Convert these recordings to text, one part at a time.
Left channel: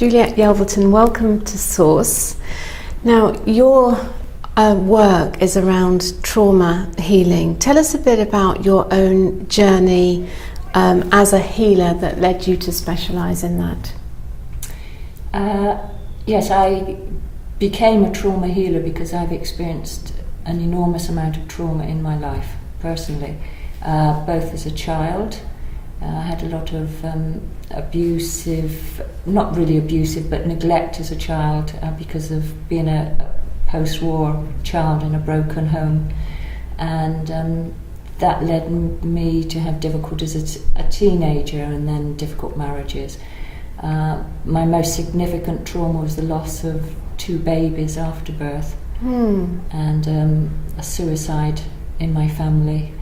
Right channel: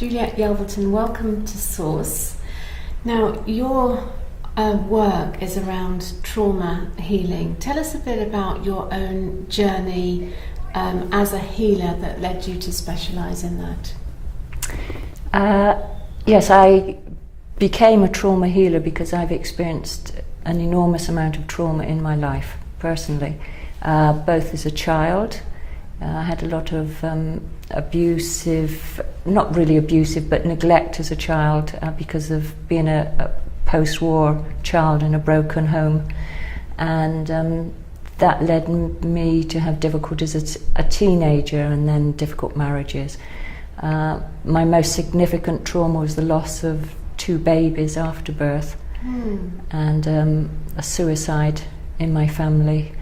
Juliet Yelverton, welcome to Source. Now, your work is around trauma healing. Tell us a bit about your own journey as a healer that led you to specialise in that. Yes, I became a trauma healer because I've experienced an enormous amount of trauma in my life, personally, both as a child. I had a lot of abusive, not really abusive, but neglect as a child because of being a post-war child in a broken home. And that led me to have difficulties as a teenager and then difficult marriages. My most significant trauma was the loss of 2 babies after birth and a suicide in my family.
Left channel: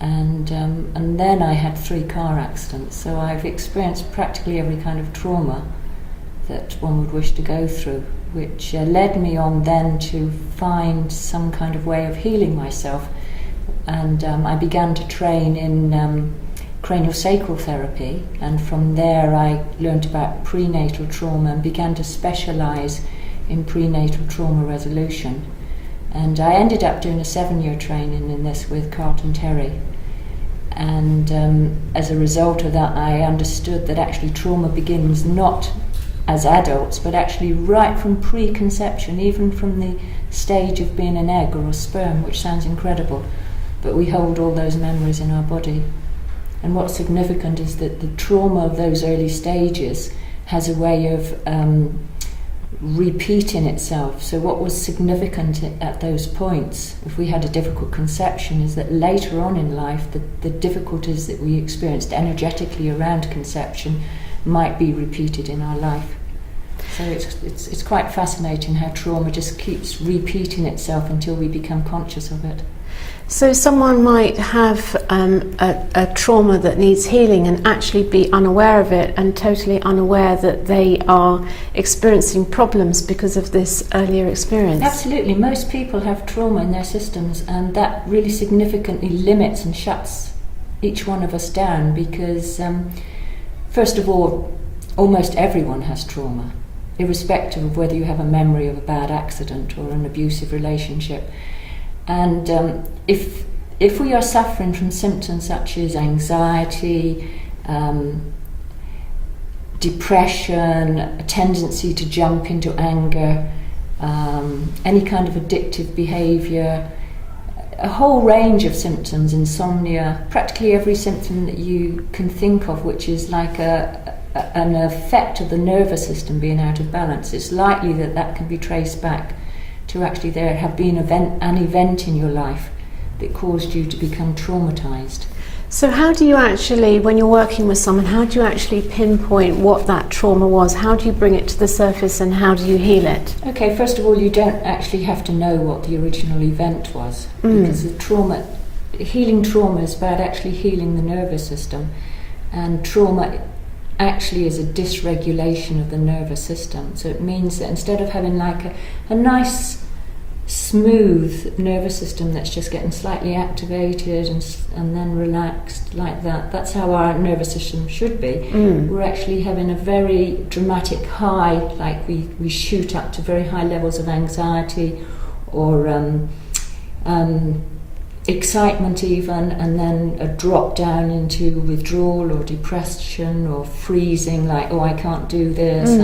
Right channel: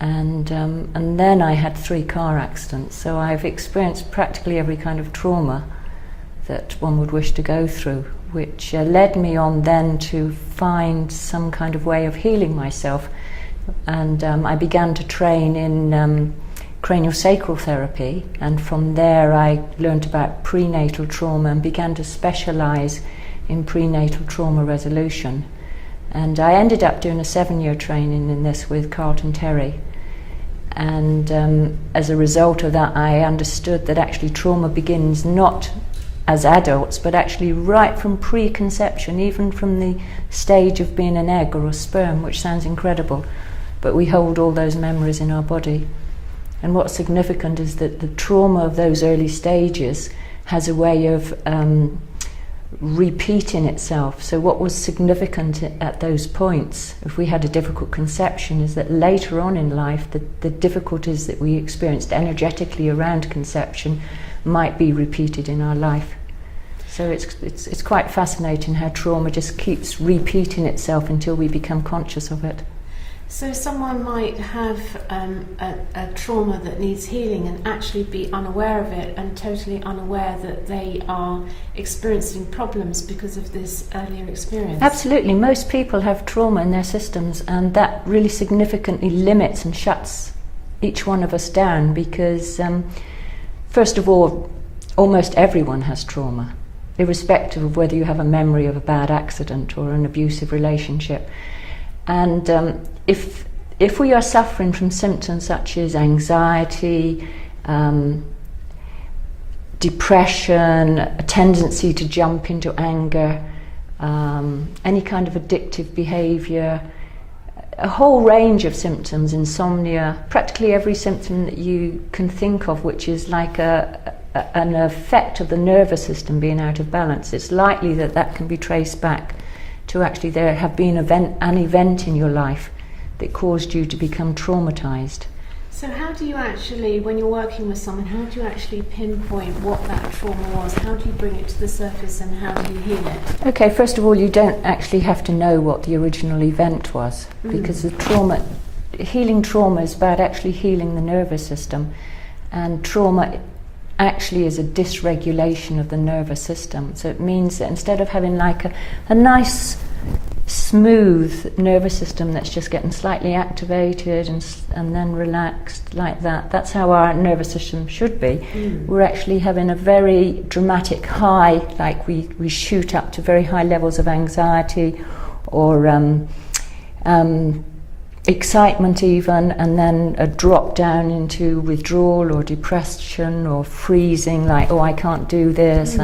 And then I had 3 car accidents, so I've experienced practically every kind of trauma that one would wish to go through, which led me on then to find some kind of way of healing myself. And I began to train in craniosacral therapy, and from there I learned about prenatal trauma and began to specialise in prenatal trauma resolution. And I ended up doing a 7-year training in this with Carlton Terry. And as a result of that, I understood that actually trauma begins not as adults, but actually right from preconception, even from the stage of being an egg or a sperm, which sounds incredible, but we hold all those memories in our body. And what's significant is that the trauma of those early stages has a way of repeating itself. So what was significant at those points, if we had a difficult conception, is that later on in life the difficulties that we experienced energetically around conception might be repeated in our life. So it's quite fascinating how trauma just keeps repeating itself until we become conscious of it. So someone might have a trauma that needs healing and actually be unaware of it and totally unaware that they are experiencing problems because of this earlier experience. Absolutely. Most people have trauma in their systems, and that really significantly limits and shuts each one of us down because, first of all, almost everyone has trauma, irrespective of whether you have a memory of a bad accident or an abusive relationship. And if we are suffering from symptoms such as anxiety, depression, a tendency to jump into anger, any kind of addictive behaviour, a whole range of symptoms, insomnia, practically every symptom that you can think of, which is like an effect of the nervous system being out of balance, it's likely that that can be traced back to actually there have been an event in your life that caused you to become traumatised. So how do you actually, when you're working with someone, how do you actually pinpoint what that trauma was? How do you bring it to the surface and how do you heal it? Okay, first of all, you don't actually have to know what the original event was because healing trauma is about actually healing the nervous system, and trauma actually is a dysregulation of the nervous system. So it means that instead of having like a nice smooth nervous system that's just getting slightly activated and then relaxed like that, that's how our nervous system should be. We're actually having a very dramatic high, like we shoot up to very high levels of anxiety or excitement even, and then a drop down into withdrawal or depression or freezing, like, oh, I can't do this,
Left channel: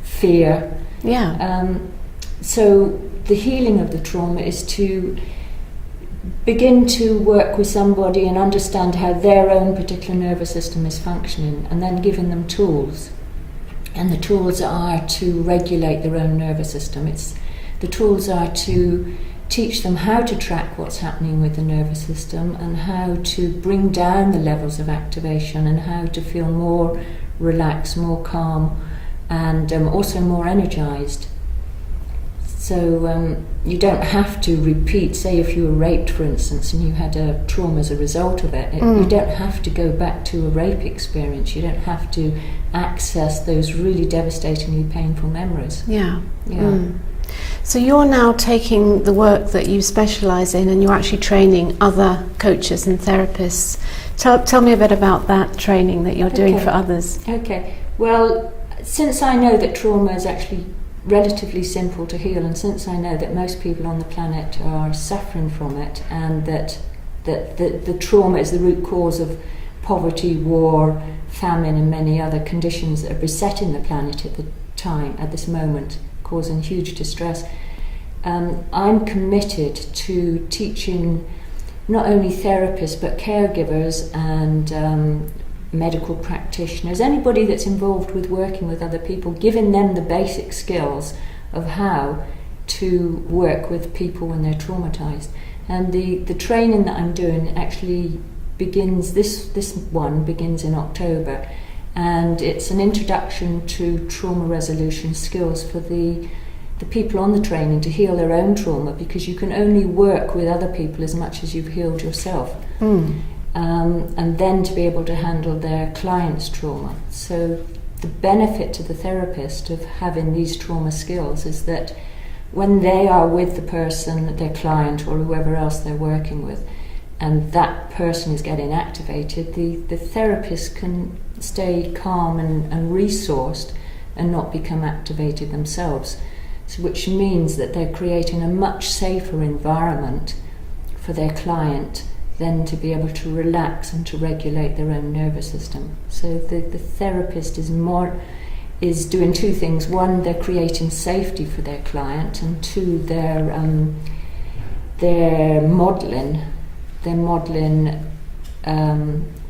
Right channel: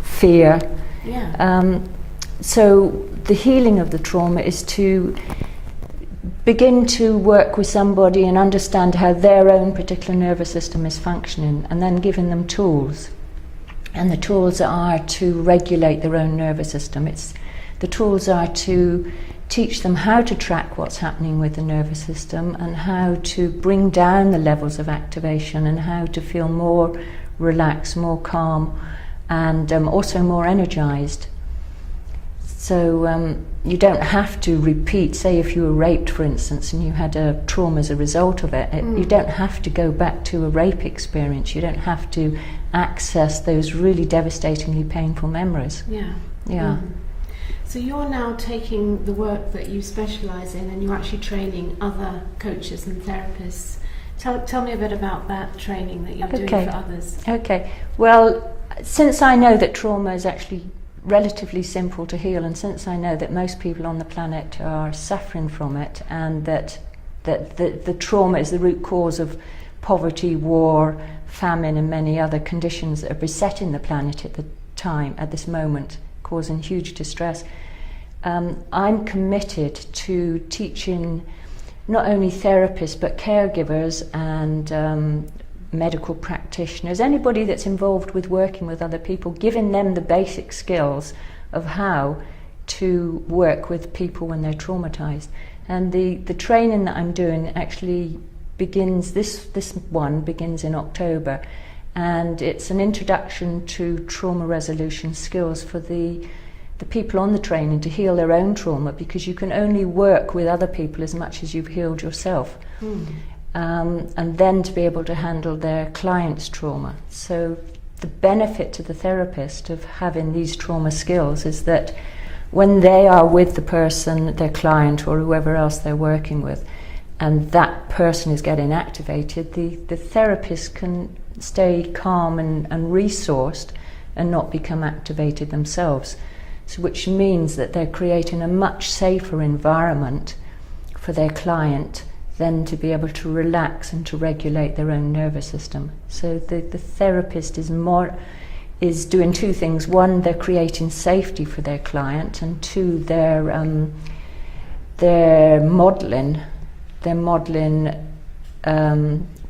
fear. Yeah. So the healing of the trauma is to begin to work with somebody and understand how their own particular nervous system is functioning, and then giving them tools. And the tools are to regulate their own nervous system. The tools are to teach them how to track what's happening with the nervous system and how to bring down the levels of activation and how to feel more relaxed, more calm, and also more energized. So you don't have to repeat, say if you were raped, for instance, and you had a trauma as a result of it, you don't have to go back to a rape experience. You don't have to access those really devastatingly painful memories. Yeah. So you're now taking the work that you specialise in and you're actually training other coaches and therapists. Tell me a bit about that training that you're doing for others. Okay. Well, since I know that trauma is actually relatively simple to heal, and since I know that most people on the planet are suffering from it, and that the trauma is the root cause of poverty, war, famine, and many other conditions that are besetting the planet at this moment, causing huge distress, I'm committed to teaching not only therapists but caregivers and medical practitioners, anybody that's involved with working with other people, giving them the basic skills of how to work with people when they're traumatised. And the training that I'm doing actually begins, this one begins in October, and it's an introduction to trauma resolution skills for the people on the training to heal their own trauma, because you can only work with other people as much as you've healed yourself. And then to be able to handle their client's trauma. So the benefit to the therapist of having these trauma skills is that when they are with the person, their client or whoever else they're working with, and that person is getting activated, the therapist can stay calm and resourced and not become activated themselves. So which means that they're creating a much safer environment for their client than to be able to relax and to regulate their own nervous system. So the therapist is doing two things. One, they're creating safety for their client, and two, they're modelling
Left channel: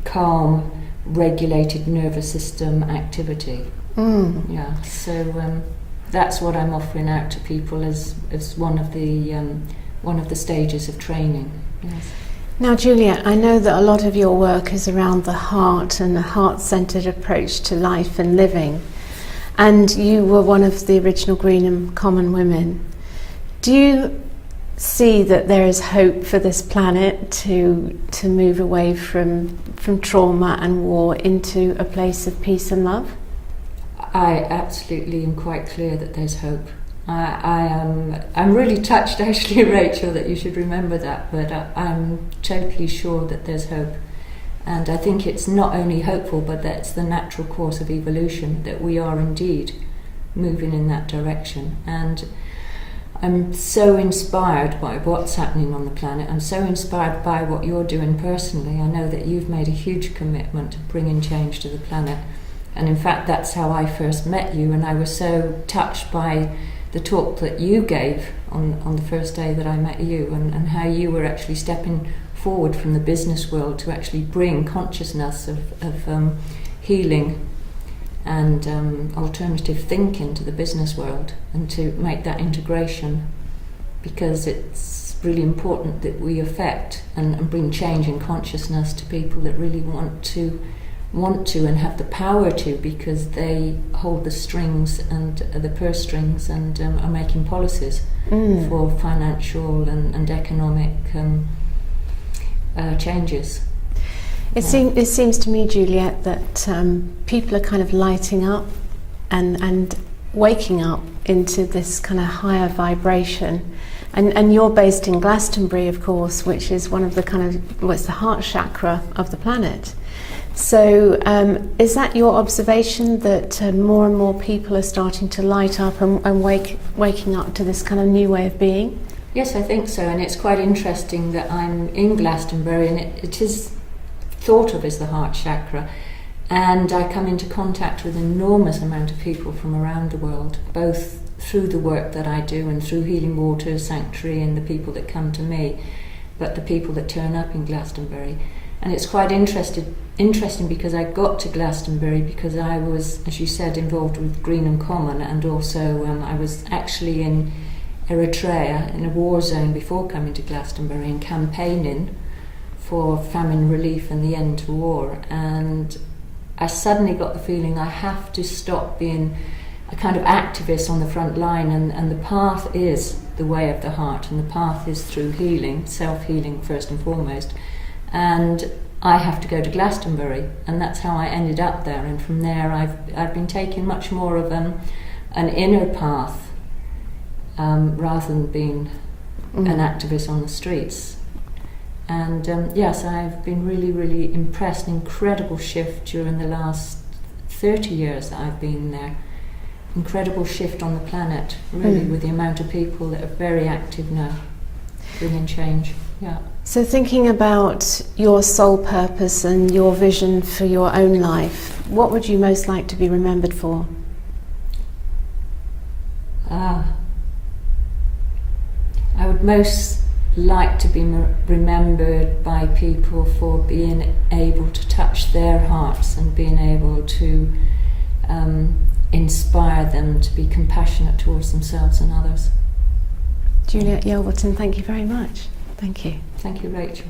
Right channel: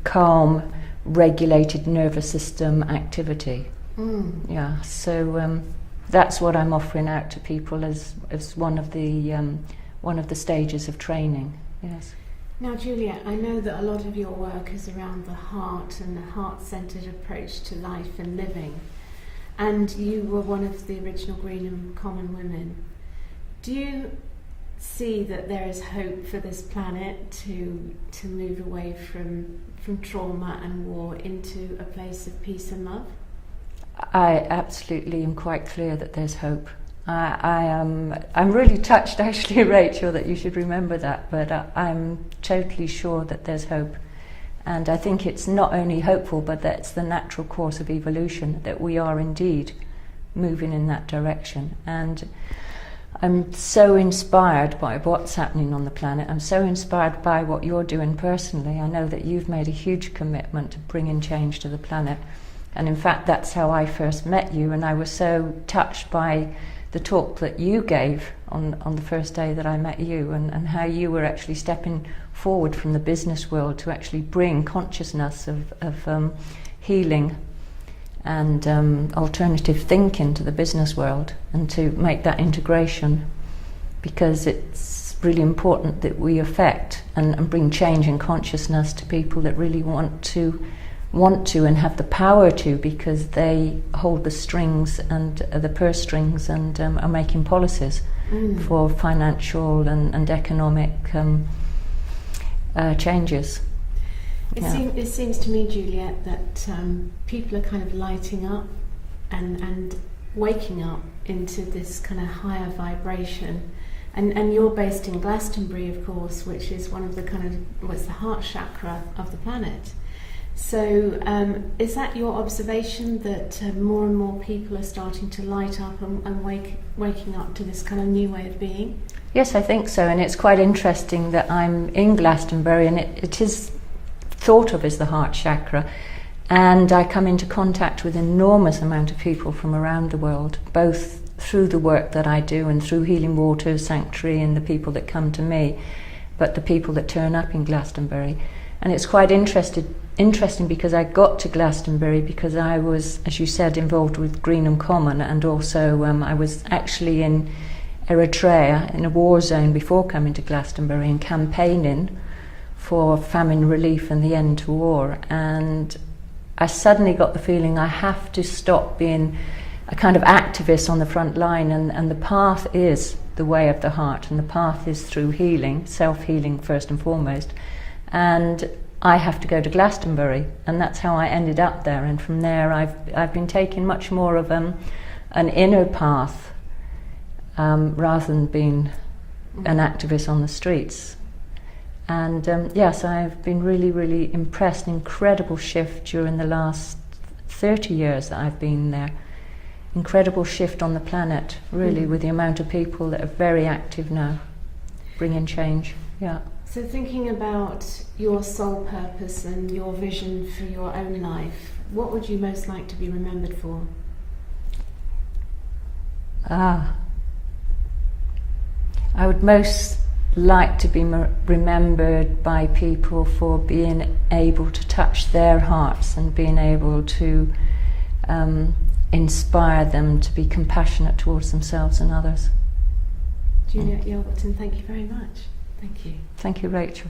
calm, regulated nervous system activity. Yeah. So that's what I'm offering out to people as one of the stages of training. Yes. Now, Juliet, I know that a lot of your work is around the heart and the heart-centred approach to life and living, and you were one of the original Greenham Common women. Do you see that there is hope for this planet to move away from trauma and war into a place of peace and love? I absolutely am quite clear that there's hope. I'm really touched, actually, Rachel, that you should remember that, but I'm totally sure that there's hope. And I think it's not only hopeful, but that it's the natural course of evolution, that we are indeed moving in that direction. And I'm so inspired by what's happening on the planet. I'm so inspired by what you're doing personally. I know that you've made a huge commitment to bringing change to the planet. And in fact, that's how I first met you, and I was so touched by the talk that you gave on the first day that I met you, and how you were actually stepping forward from the business world to actually bring consciousness of healing and alternative thinking to the business world, and to make that integration, because it's really important that we affect and bring change in consciousness to people that really want to and have the power to, because they hold the strings and the purse strings and are making policies for financial and economic changes. It seems to me, Juliet, that people are kind of lighting up and waking up into this kind of higher vibration. And you're based in Glastonbury, of course, which is one of the it's the heart chakra of the planet. So is that your observation, that more and more people are starting to light up and waking up to this kind of new way of being? Yes, I think so, and it's quite interesting that I'm in Glastonbury, and it is thought of as the heart chakra, and I come into contact with an enormous amount of people from around the world, both through the work that I do and through Healing Waters Sanctuary and the people that come to me, but the people that turn up in Glastonbury. And it's quite interesting because I got to Glastonbury because I was, as you said, involved with Greenham Common, and also I was actually in Eritrea in a war zone before coming to Glastonbury and campaigning for famine relief and the end to war. And I suddenly got the feeling I have to stop being a kind of activist on the front line, and the path is the way of the heart, and the path is through healing, self-healing first and foremost. And I have to go to Glastonbury, and that's how I ended up there. And from there, I've been taking much more of an inner path rather than being an activist on the streets. And yes, I've been really, really impressed. Incredible shift during the last 30 years that I've been there. incredible shift on the planet, really, with the amount of people that are very active now, bringing change. Yeah. So thinking about your sole purpose and your vision for your own life, what would you most like to be remembered for? I would most like to be remembered by people for being able to touch their hearts and being able to inspire them to be compassionate towards themselves and others. Juliet Yelverton, thank you very much. Thank you. Thank you, Rachel.